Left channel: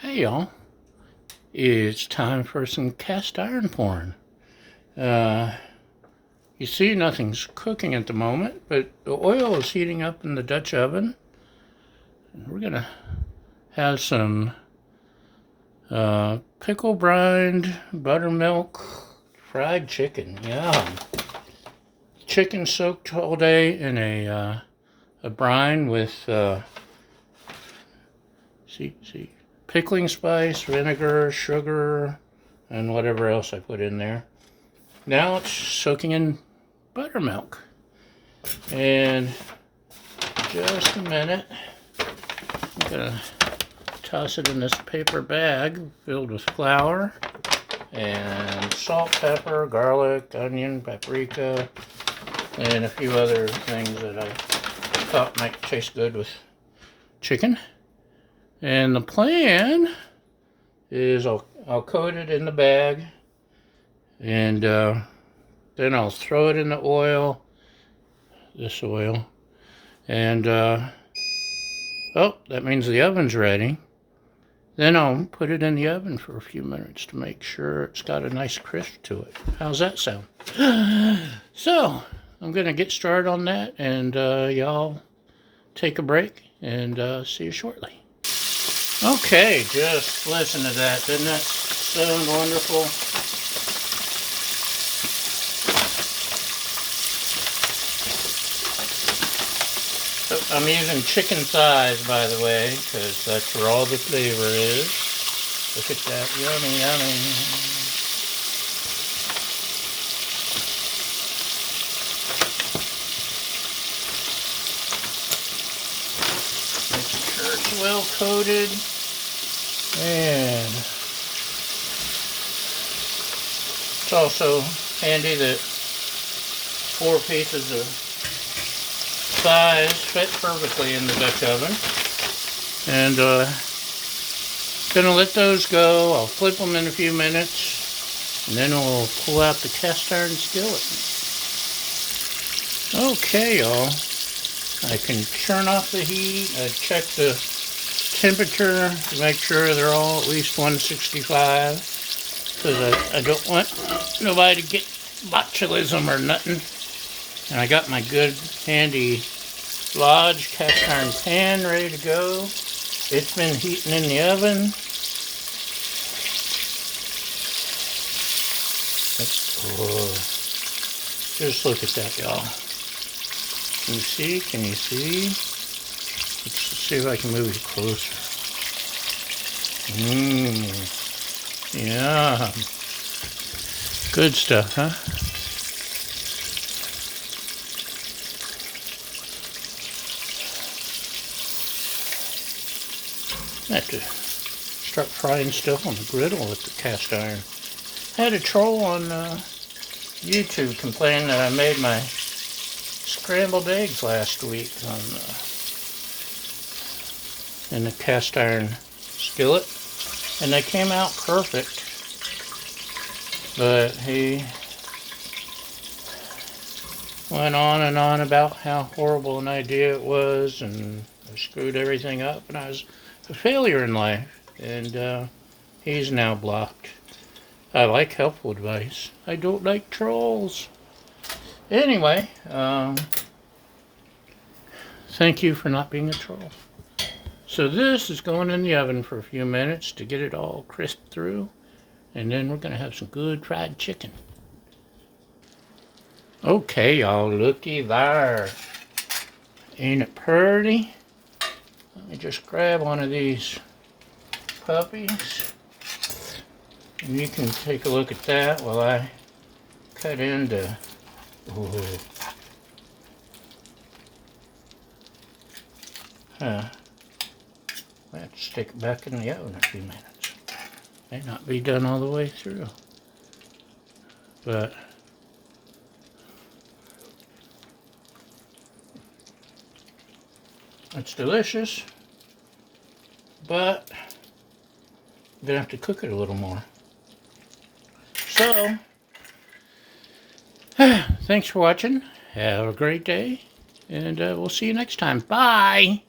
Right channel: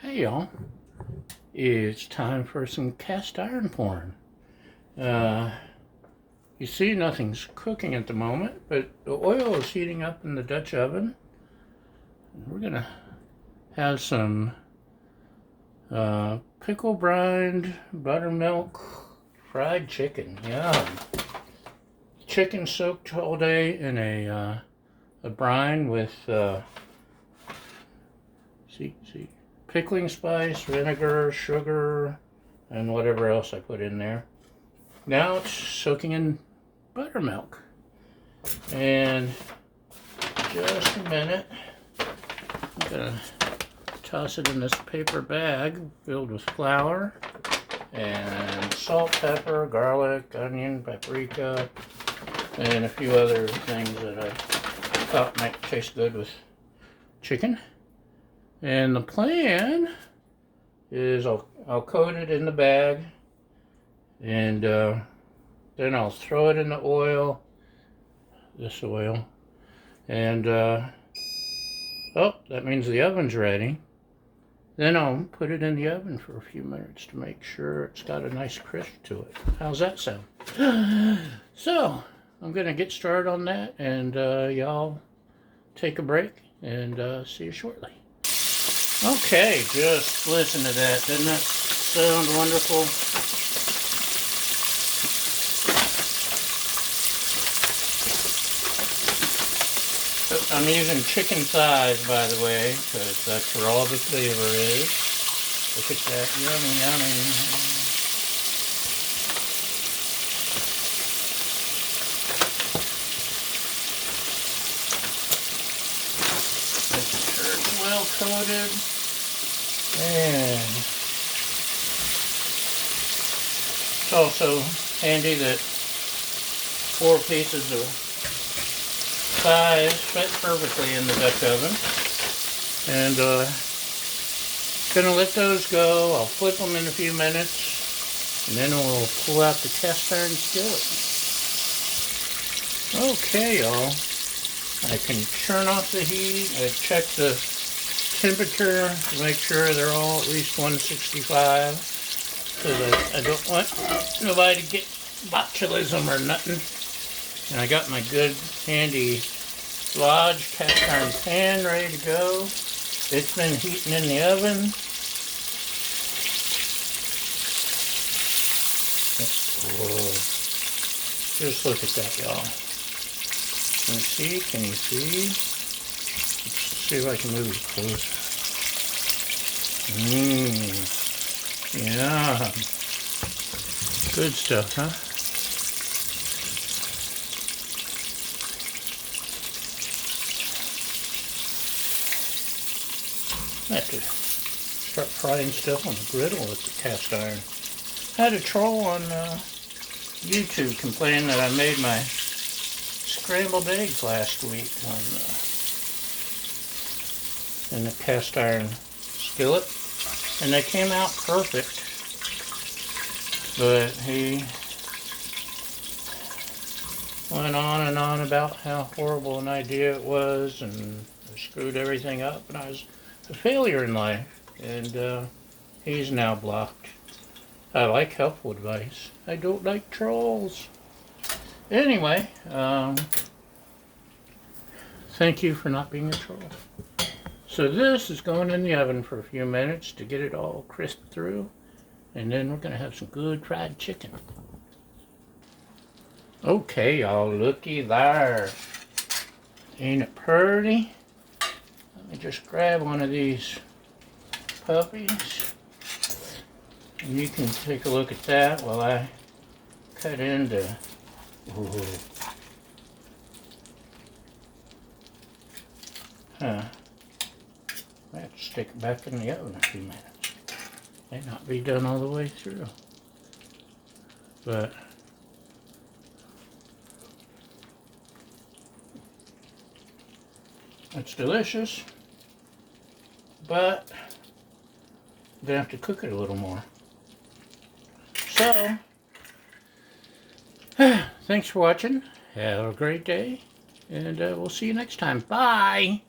Hey y'all, it's time for some cast iron porn. You see nothing's cooking at the moment, but the oil is heating up in the Dutch oven. We're gonna have some pickle brined buttermilk fried chicken. Yum! Chicken soaked all day in a brine with see pickling spice, vinegar, sugar, and whatever else I put in there. Now it's soaking in buttermilk. And just a minute, I'm gonna toss it in this paper bag filled with flour and salt, pepper, garlic, onion, paprika, and a few other things that I thought might taste good with chicken. And the plan is I'll coat it in the bag, and then I'll throw it in the oil, this oil, and oh, that means the oven's ready. Then I'll put it in the oven for a few minutes to make sure it's got a nice crisp to it. How's that sound? So, I'm going to get started on that, and y'all take a break, and see you shortly. Okay, just listen to that. Doesn't that sound wonderful? So I'm using chicken thighs, by the way, because that's where all the flavor is. Look at that. Yummy, yummy. Make sure it's well coated. And it's also handy that 4 pieces of thighs fit perfectly in the Dutch oven. And gonna let those go. I'll flip them in a few minutes, and then we'll pull out the cast iron skillet. Okay, y'all. I can turn off the heat. I check the temperature to make sure they're all at least 165, because I don't want nobody to get botulism or nothing. And I got my good handy Lodge cast iron pan ready to go. It's been heating in the oven. Whoa. Just look at that, y'all. Can you see? Can you see? Let's see if I can move it closer. Yeah. Good stuff, huh? I have to start frying stuff on the griddle with the cast iron. I had a troll on YouTube complain that I made my scrambled eggs last week in the cast iron skillet, and they came out perfect. But he went on and on about how horrible an idea it was, and I screwed everything up, and I was a failure in life, and he's now blocked. I like helpful advice. I don't like trolls. Anyway, thank you for not being a troll. So this is going in the oven for a few minutes to get it all crisp through, and then we're going to have some good fried chicken. Okay, y'all, looky there. Ain't it pretty? Let me just grab one of these puppies, and you can take a look at that while I cut into. I have to stick it back in the oven a few minutes. May not be done all the way through, but it's delicious. But I'm gonna have to cook it a little more. So, thanks for watching. Have a great day, and we'll see you next time. Bye!